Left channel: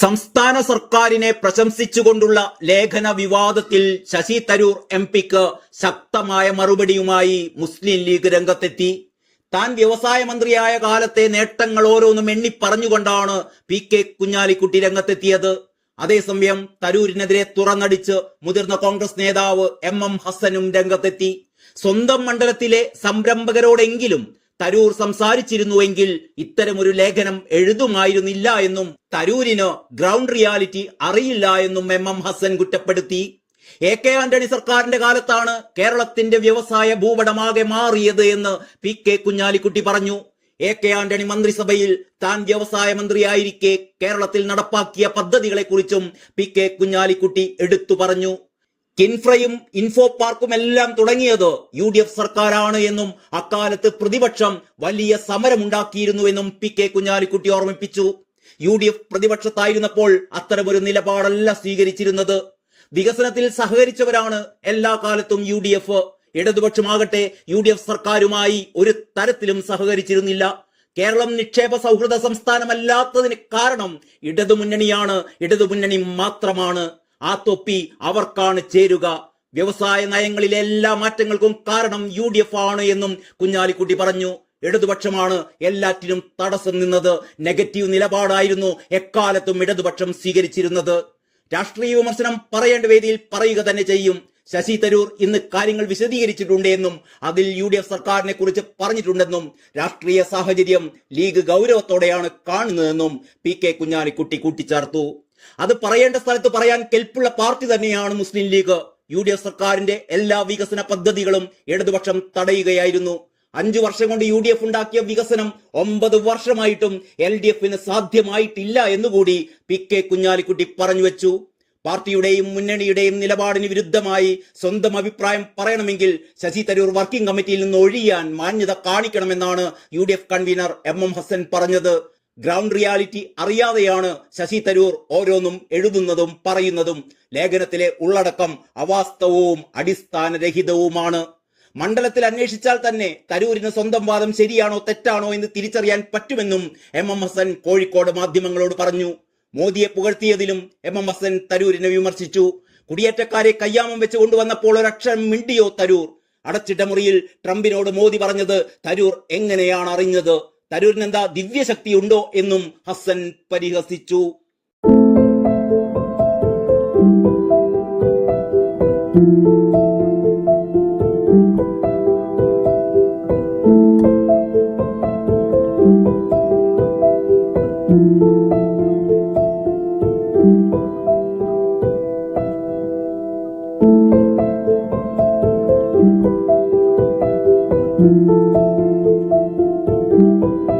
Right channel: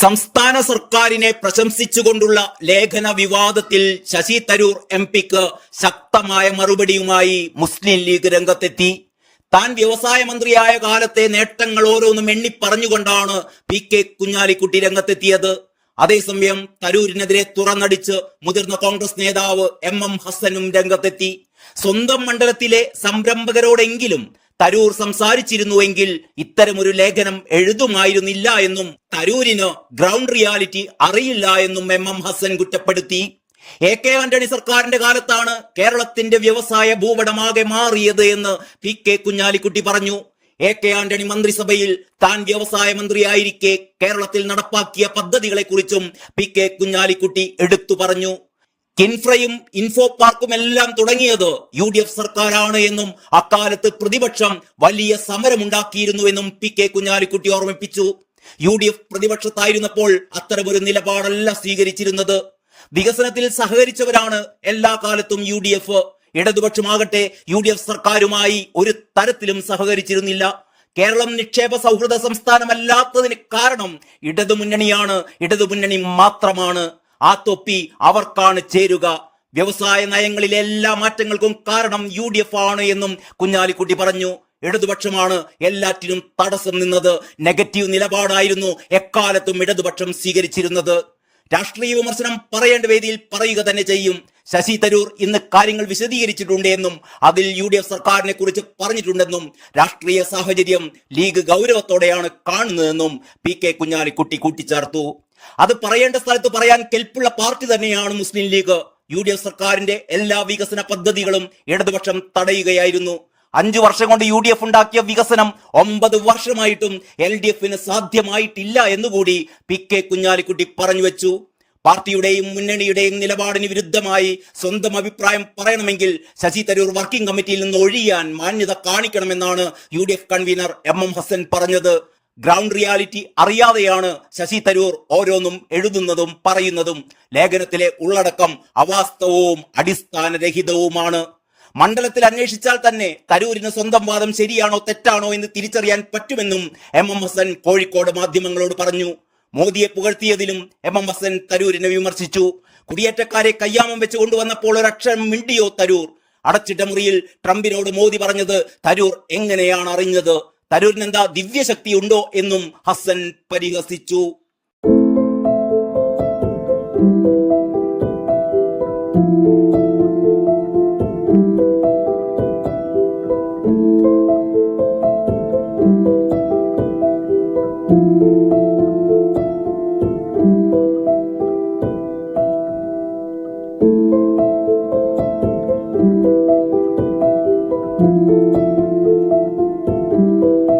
സംസ്ഥാന സർക്കാരിനെ പ്രശംസിച്ചുകൊണ്ടുള്ള ലേഖന വിവാദത്തിൽ ശശി തരൂർ എംപിക്ക് ശക്തമായ മറുപടിയുമായി മുസ്ലിം ലീഗ് രംഗത്തെത്തി. താൻ വ്യവസായ മന്ത്രിയായ കാലത്തെ നേട്ടങ്ങൾ ഓരോന്നും എണ്ണിപ്പറഞ്ഞുകൊണ്ടാണ് പി.കെ. കുഞ്ഞാലിക്കുട്ടി രംഗത്തെത്തിയത്. അതേസമയം തരൂരിനെതിരെ തുറന്നടിച്ച് മുതിർന്ന കോൺഗ്രസ് നേതാവ് എം ഹസ്സനും രംഗത്തെത്തി. സ്വന്തം മണ്ഡലത്തിലെ സംരംഭകരോടെങ്കിലും തരൂർ സംസാരിച്ചിരുന്നുവെങ്കിൽ ഇത്തരമൊരു ലേഖനം എഴുതുമായിരുന്നില്ല എന്നും തരൂരിന് ഗ്രൗണ്ട് റിയാലിറ്റി അറിയില്ല എന്നും എം ഹസ്സൻ കുറ്റപ്പെടുത്തി. എ.കെ. ആന്റണി സർക്കാരിന്റെ കാലത്താണ് കേരളത്തിന്റെ വ്യവസായ ഭൂപടമാകെ മാറിയത് എന്ന് പി.കെ. കുഞ്ഞാലിക്കുട്ടി പറഞ്ഞു. എ.കെ. ആന്റണി മന്ത്രിസഭയിൽ താൻ വ്യവസായ മന്ത്രിയായിരിക്കെ കേരളത്തിൽ നടപ്പാക്കിയ പദ്ധതികളെക്കുറിച്ചും പി.കെ. കുഞ്ഞാലിക്കുട്ടി എടുത്തു പറഞ്ഞു. കിൻഫ്രയും ഇൻഫോ പാർക്കും എല്ലാം തുടങ്ങിയത് UDF സർക്കാരാണ് എന്നും അക്കാലത്ത് പ്രതിപക്ഷം വലിയ സമരമുണ്ടാക്കിയിരുന്നുവെന്നും പി.കെ. കുഞ്ഞാലിക്കുട്ടി ഓർമ്മിപ്പിച്ചു. UDF പ്രതിപക്ഷത്തായിരുന്നപ്പോൾ അത്തരമൊരു നിലപാടല്ല സ്വീകരിച്ചിരുന്നത്. വികസനത്തിൽ സഹകരിച്ചവരാണ് എല്ലാ കാലത്തും UDF. ഇടതുപക്ഷമാകട്ടെ UDF സർക്കാരുമായി ഒരു തരത്തിലും സഹകരിച്ചിരുന്നില്ല. കേരളം നിക്ഷേപ സൗഹൃദ സംസ്ഥാനമല്ലാത്തതിന് കാരണം ഇടതുമുന്നണിയാണ്, ഇടതുമുന്നണി മാത്രമാണ്. ആ തൊപ്പി അവർക്കാണ് ചേരുക. വ്യവസായ നയങ്ങളിലെ എല്ലാ മാറ്റങ്ങൾക്കും കാരണം UDF ആണ് എന്നും കുഞ്ഞാലിക്കുട്ടി പറഞ്ഞു. ഇടതുപക്ഷമാണ് എല്ലാറ്റിനും തടസ്സം നിന്നത്. നെഗറ്റീവ് നിലപാടായിരുന്നു എക്കാലത്തും ഇടതുപക്ഷം സ്വീകരിച്ചിരുന്നത്. രാഷ്ട്രീയ വിമർശനം പറയേണ്ട വേദിയിൽ പറയുക തന്നെ ചെയ്യും. ശശി തരൂർ ഇന്ന് കാര്യങ്ങൾ വിശദീകരിച്ചിട്ടുണ്ട് എന്നും അതിൽ UDF സർക്കാരിനെ കുറിച്ച് പറഞ്ഞിട്ടുണ്ടെന്നും രാഷ്ട്രീയ സാഹചര്യം ലീഗ് ഗൗരവത്തോടെയാണ് കാണുന്നതെന്നും പി.കെ. കുഞ്ഞാലിക്കുട്ടി കൂട്ടിച്ചേർത്തു. അത് പറയേണ്ട സ്ഥലത്ത് പറയാൻ കെൽപ്പുള്ള പാർട്ടി തന്നെയാണ് മുസ്ലിം ലീഗ്. UDF സർക്കാരിന്റെ എല്ലാ വികസന പദ്ധതികളും ഇടതുപക്ഷം തടയുകയായിരുന്നു. 5 വർഷം കൊണ്ട് UDF ഉണ്ടാക്കിയ വികസനം 9 വർഷമായിട്ടും LDFന് സാധ്യമായിട്ടില്ല എന്നുകൂടി പി.കെ. കുഞ്ഞാലിക്കുട്ടി പറഞ്ഞു വെച്ചു. പാർട്ടിയുടെയും മുന്നണിയുടെയും നിലപാടിന് വിരുദ്ധമായി സ്വന്തം അഭിപ്രായം പറയണമെങ്കിൽ ശശി തരൂർ വർക്കിംഗ് കമ്മിറ്റിയിൽ നിന്ന് ഒഴിയാൻ മാന്യത കാണിക്കണമെന്നാണ് UDF കൺവീനർ എം ഹസ്സൻ പറഞ്ഞത്. ഗ്രൗണ്ട് റിയാലിറ്റി അറിയാതെയാണ് ശശി തരൂർ ഓരോന്നും എഴുതുന്നതും പറയുന്നതും. ലേഖനത്തിലെ ഉള്ളടക്കം അവാസ്തവവും അടിസ്ഥാനരഹിതവുമാണ്. മണ്ഡലത്തിൽ അന്വേഷിച്ചാൽ തന്നെ തരൂരിന് സ്വന്തം വാദം ശരിയാണോ തെറ്റാണോ എന്ന് തിരിച്ചറിയാൻ പറ്റുമെന്നും എം ഹസ്സൻ കോഴിക്കോട് മാധ്യമങ്ങളോട് പറഞ്ഞു. മോദിയെ പുകഴ്ത്തിയതിലും എം ഹസ്സൻ തരൂരിനെ വിമർശിച്ചു. കുടിയേറ്റക്കാരെ കയ്യാമം വെച്ച് കൊണ്ടുവന്നപ്പോൾ ഒരക്ഷരം മിണ്ടിയോ തരൂർ? അടച്ചിട്ട മുറിയിൽ ട്രംപിനോട് മോദി പറഞ്ഞത് തരൂർ എങ്ങനെയാണ് അറിഞ്ഞത്? തരൂരിനെന്താ ദിവ്യശക്തി ഉണ്ടോ എന്നും ഹസ്സൻ പരിഹസിച്ചു.